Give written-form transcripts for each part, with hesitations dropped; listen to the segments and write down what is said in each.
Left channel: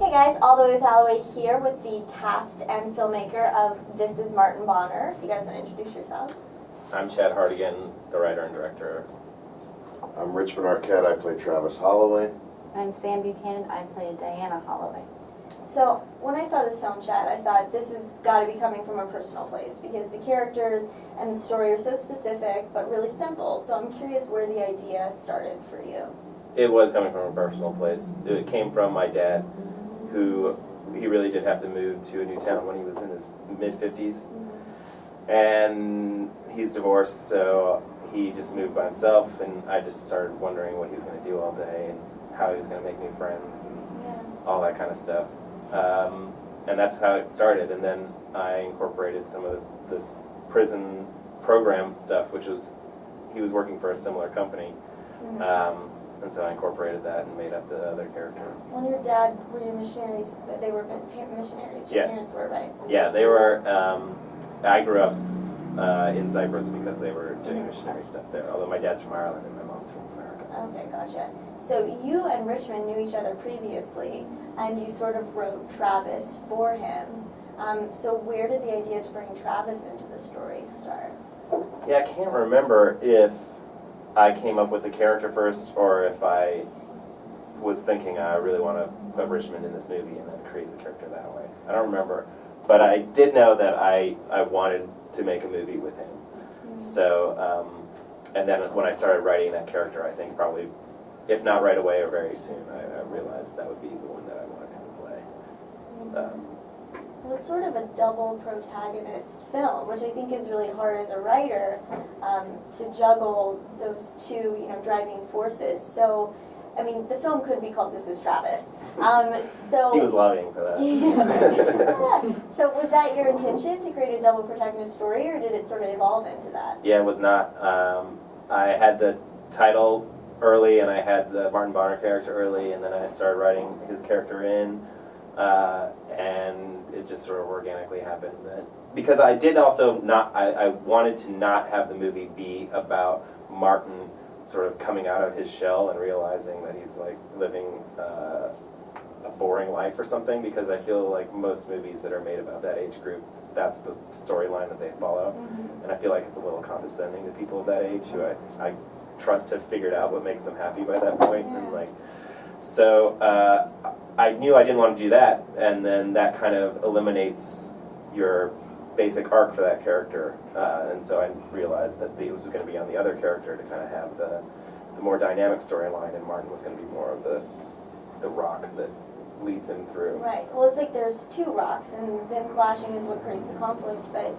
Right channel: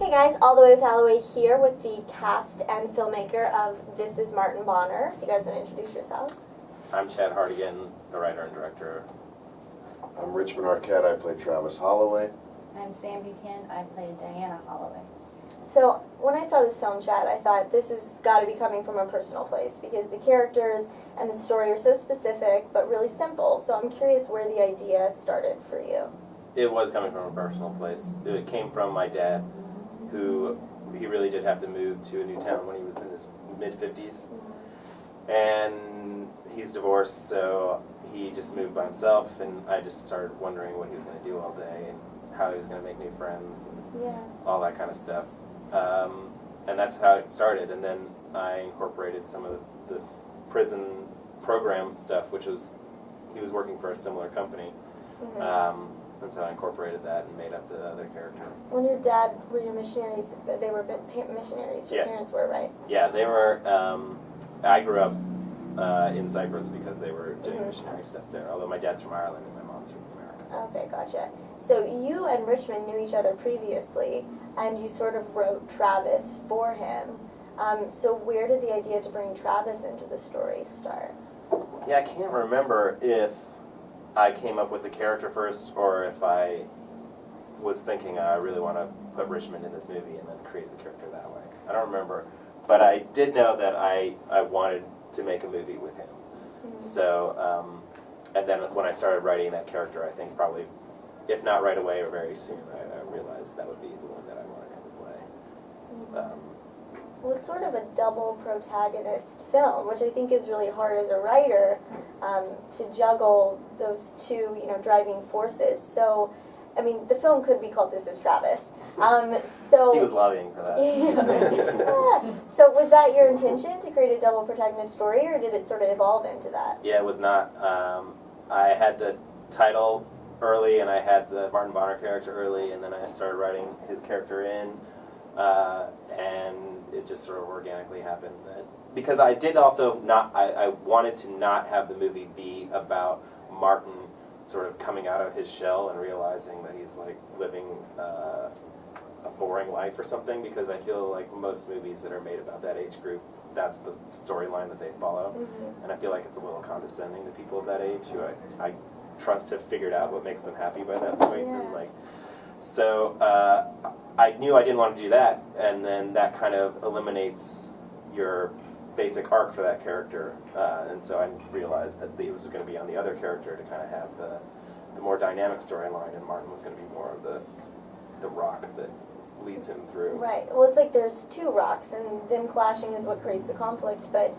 Hey guys, all the way with Alloway here with the cast and filmmaker of This Is Martin Bonner. If you guys want to introduce yourselves. I'm Chad Hartigan, the writer and director. I'm Richmond Arquette, I play Travis Holloway. I'm Sam Buchanan, I play Diana Holloway. So when I saw this film, Chad, I thought this has got to be coming from a personal place because the characters and the story are so specific but really simple. So I'm curious where the idea started for you. It was coming from a personal place. It came from my dad, who he really did have to move to a new town when he was in his mid-50s. And he's divorced, so he just moved by himself, and I just started wondering what he was going to do all day and how he was going to make new friends and all that kind of stuff. And that's how it started. And then I incorporated some of this prison program stuff, which was, he was working for a similar company. And so I incorporated that and made up the other character. When your dad were your missionaries, they were missionaries, your parents were, right? Yeah, they were, I grew up in Cyprus because they were doing missionary stuff there, although my dad's from Ireland and my mom's from America. Okay, gotcha. So you and Richmond knew each other previously, and you sort of wrote Travis for him. So where did the idea to bring Travis into the story start? Yeah, I can't remember if I came up with the character first or if I was thinking I really want to put Richmond in this movie and then create the character that way. I don't remember. But I did know that I wanted to make a movie with him. So, and then when I started writing that character, I think probably, if not right away or very soon, I realized that would be the one that I wanted him to play. Well, it's sort of a double protagonist film, which I think is really hard as a writer to juggle those two, driving forces. So, I mean, the film could be called This Is Travis. So he was lobbying for that. So was that your intention, to create a double protagonist story, or did it sort of evolve into that? Yeah, it was not. I had the title early, and I had the Martin Bonner character early, and then I started writing his character in, and it just sort of organically happened. Because I did also not, I wanted to not have the movie be about Martin sort of coming out of his shell and realizing that he's like living a boring life or something, because I feel like most movies that are made about that age group, that's the storyline that they follow. And I feel like it's a little condescending to people of that age who I trust have figured out what makes them happy by that point. And so I knew I didn't want to do that, and then that kind of eliminates your basic arc for that character, and so I realized that it was going to be on the other character to kind of have the more dynamic storyline, and Martin was going to be more of the rock that leads him through. Right. Well, it's like there's two rocks, and them clashing is what creates the conflict, but,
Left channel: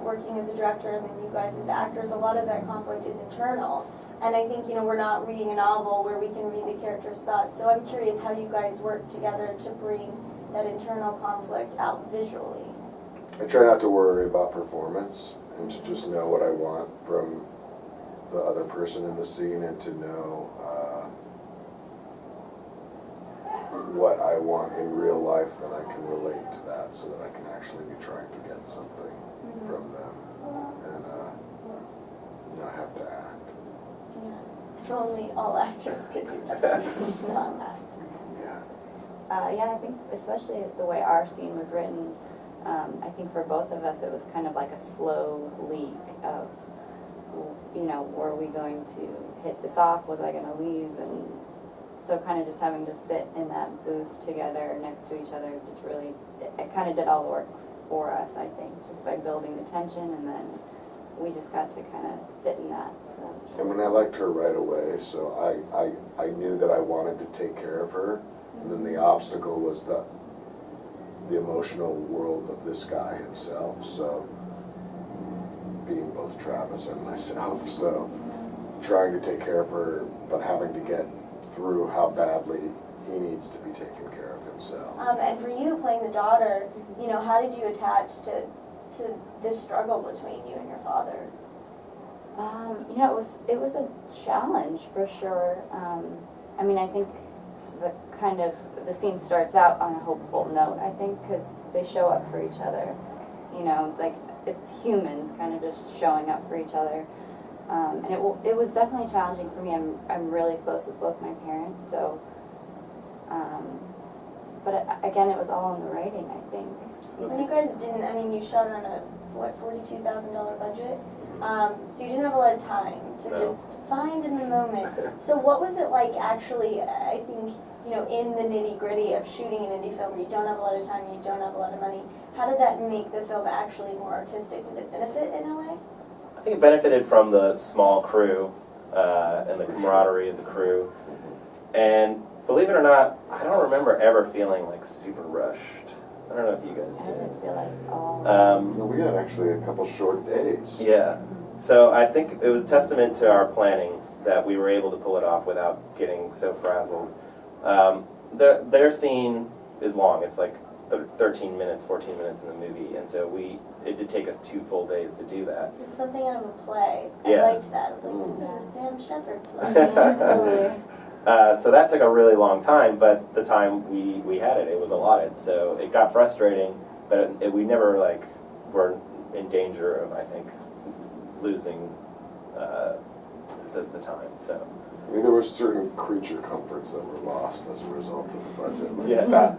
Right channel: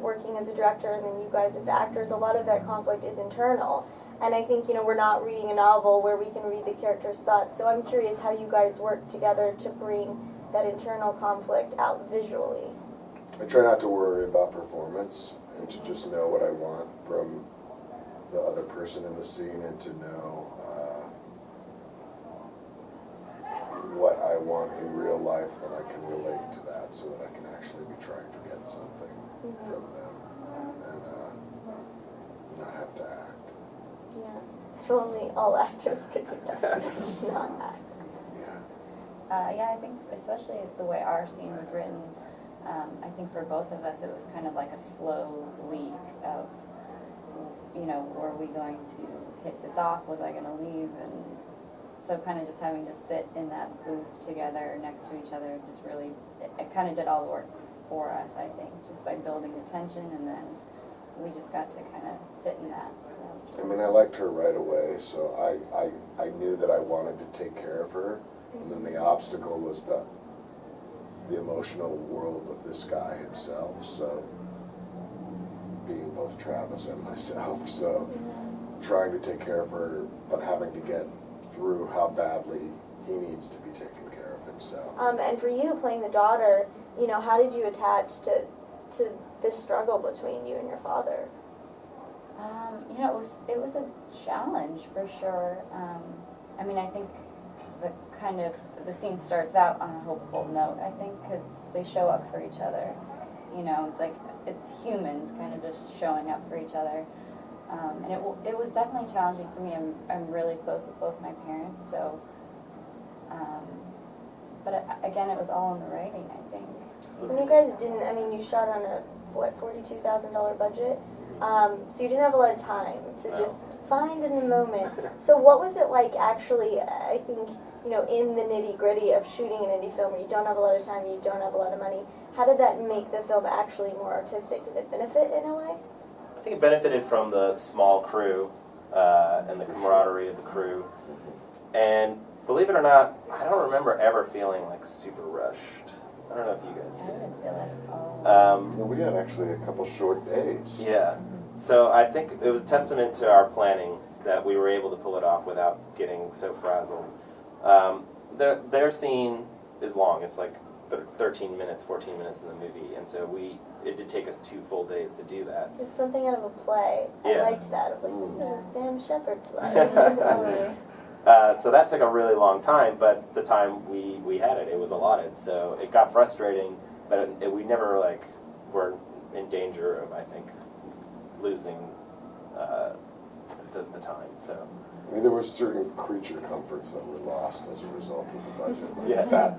working as a director and then you guys as actors, a lot of that conflict is internal. And I think, we're not reading a novel where we can read the character's thoughts, so I'm curious how you guys work together to bring that internal conflict out visually. I try not to worry about performance and to just know what I want from the other person in the scene, and to know what I want in real life, that I can relate to that, so that I can actually be trying to get something from them and not have to act. Yeah, if only all actors could do that, not act. Yeah, I think especially the way our scene was written, I think for both of us it was kind of like a slow leak of, were we going to hit this off? Was I going to leave? And so kind of just having to sit in that booth together next to each other just really, it kind of did all the work for us, I think, just by building the tension, and then we just got to kind of sit in that. So I mean, I liked her right away, so I knew that I wanted to take care of her, and then the obstacle was the emotional world of this guy himself, so being both Travis and myself, so trying to take care of her, but having to get through how badly he needs to be taken care of himself. And for you, playing the daughter, how did you attach to this struggle between you and your father? It was a challenge for sure. I mean, I think the scene starts out on a hopeful note, I think, because they show up for each other. Like, it's humans kind of just showing up for each other. And it was definitely challenging for me. I'm really close with both my parents, so. But again, it was all in the writing, I think. And you guys didn't, I mean, you shot on a, what, $42,000 budget? So you didn't have a lot of time to No. just find in the moment. So what was it like actually, I think, you know, in the nitty gritty of shooting an indie film where you don't have a lot of time and you don't have a lot of money? How did that make the film actually more artistic? Did it benefit in a way? I think it benefited from the small crew and the camaraderie of the crew. And believe it or not, I don't remember ever feeling like super rushed. I don't know if you guys I did. didn't feel like all. We had actually a couple short days. Yeah. So I think it was a testament to our planning that we were able to pull it off without getting so frazzled. Their scene is long. It's like 13 minutes, 14 minutes in the movie, and so it did take us 2 full days to do that. It's something out of a play. Yeah. I liked that. I was like, this is a Sam Shepard play. Totally. So that took a really long time, but the time we had it was allotted. So it got frustrating, but we never were in danger of, I think, losing the time. So I mean, there were certain creature comforts that were lost as a result of the budget. Like Yeah. that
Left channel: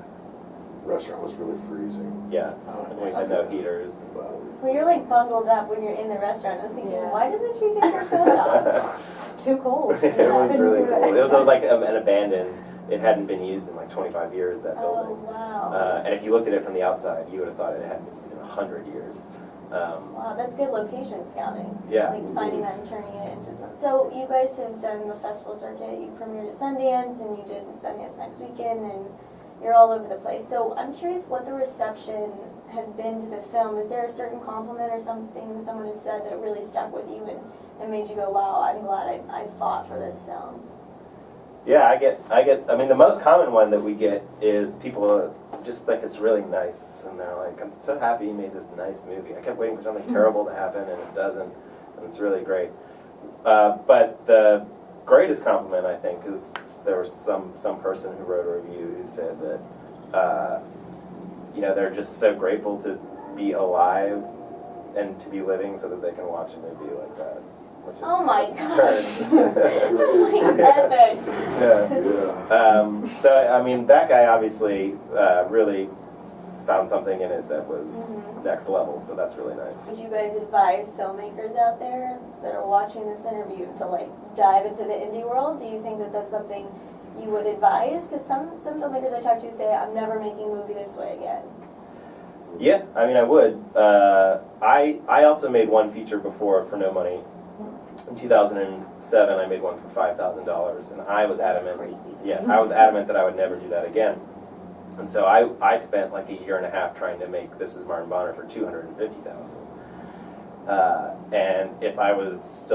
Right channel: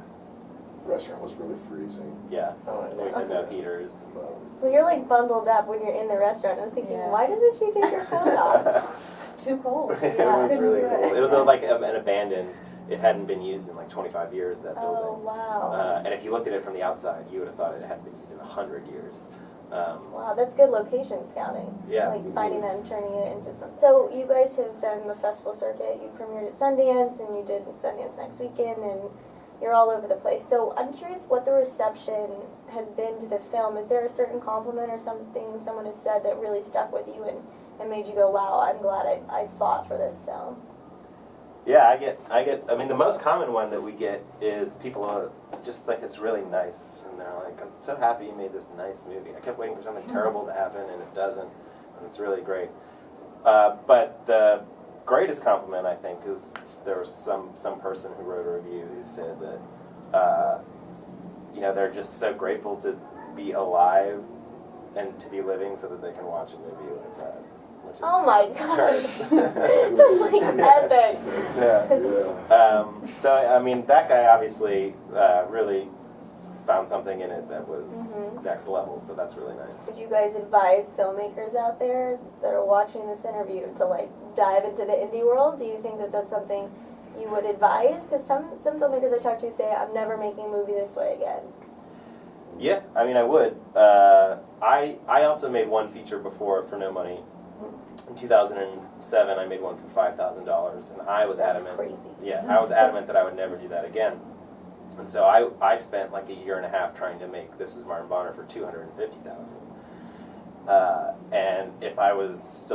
restaurant was really freezing. yeah, and we had no heaters. Well, you're like bundled up when you're in the restaurant. I was thinking, Yeah. why doesn't she take her coat off? Too cold. It Yeah, was couldn't really do it. cool. It was like an abandoned. It hadn't been used in like 25 years. That Oh, building. wow. And if you looked at it from the outside, you would have thought it hadn't been used in 100 years. Wow, that's good location scouting. Yeah. Like finding that and turning it into something. So you guys have done the festival circuit. You premiered at Sundance, and you did Sundance next weekend, and you're all over the place. So I'm curious what the reception has been to the film. Is there a certain compliment or something someone has said that really stuck with you and made you go, wow, I'm glad I fought for this film? Yeah, I mean, the most common one that we get is people just think it's really nice, and they're like, I'm so happy you made this nice movie. I kept waiting for something terrible to happen, and it doesn't, and it's really great. But the greatest compliment, I think, is there was some person who wrote a review who said that, you know, they're just so grateful to be alive and to be living so that they can watch a movie like that. Which is Oh my absurd. That's like epic. Yeah. Yeah. So, I mean, that guy obviously really found something in it that was next level, so that's really nice. Would you guys advise filmmakers out there that are watching this interview to like dive into the indie world? Do you think that that's something you would advise? Because some filmmakers I talk to say, I'm never making a movie this way again. Yeah, I mean, I would. I also made one feature before for no money. In 2007, I made one for $5,000, and I was adamant. That's crazy. Yeah, I was adamant that I would never do that again. And so I spent like a year and a half trying to make This Is Martin Bonner for $250,000. And if I was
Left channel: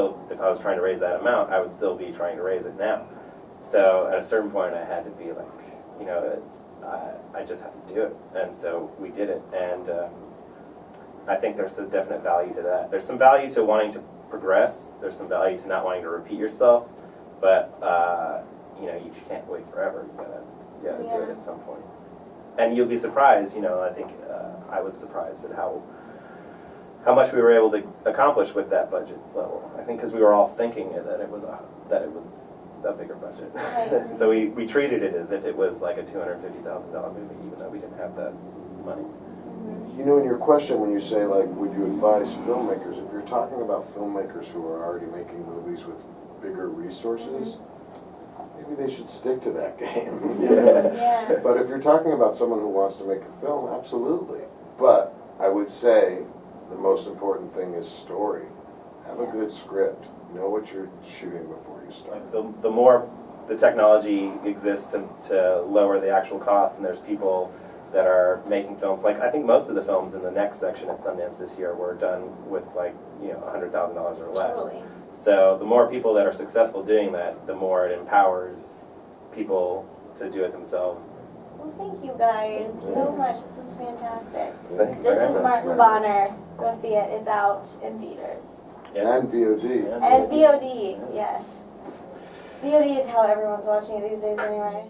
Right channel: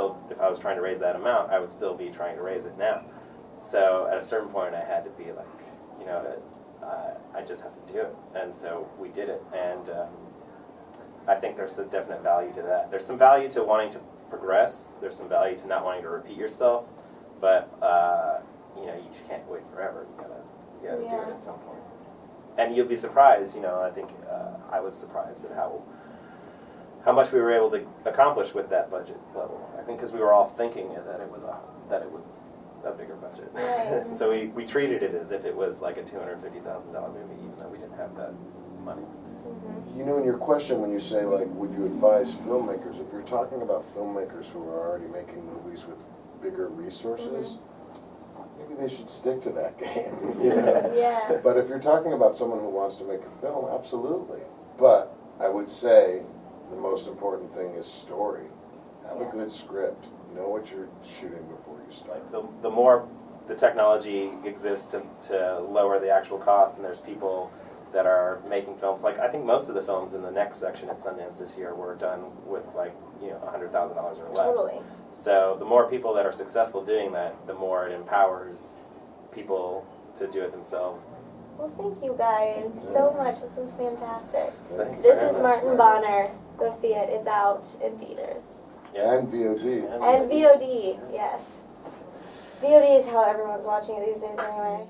trying to raise that amount, I would still be trying to raise it now. So at a certain point, I had to be like, you know, I just have to do it. And so we did it, and I think there's a definite value to that. There's some value to wanting to progress. There's some value to not wanting to repeat yourself, but you know, you can't wait forever. You gotta do it at some point. And you'll be surprised. You know, I think I was surprised at how much we were able to accomplish with that budget level. I think because we were all thinking that it was a bigger budget. Right. So we treated it as if it was like a $250,000 movie, even though we didn't have that money. You know, in your question, when you say, like, would you advise filmmakers, if you're talking about filmmakers who are already making movies with bigger resources, maybe they should stick to that game, you know? Yeah. But if you're talking about someone who wants to make a film, absolutely. But I would say the most important thing is story. Have a good script. Know what you're shooting before you start. Like the more the technology exists to lower the actual cost, and there's people that are making films. Like, I think most of the films in the next section at Sundance this year were done with, like, you know, $100,000 or less. Totally. So the more people that are successful doing that, the more it empowers people to do it themselves. Well, thank you guys so much. This was fantastic. Thank you This for is having us. Martin Bonner. Go see it. It's out in theaters. Yeah. And VOD. And VOD, yes. VOD is how everyone's watching it these days anyway.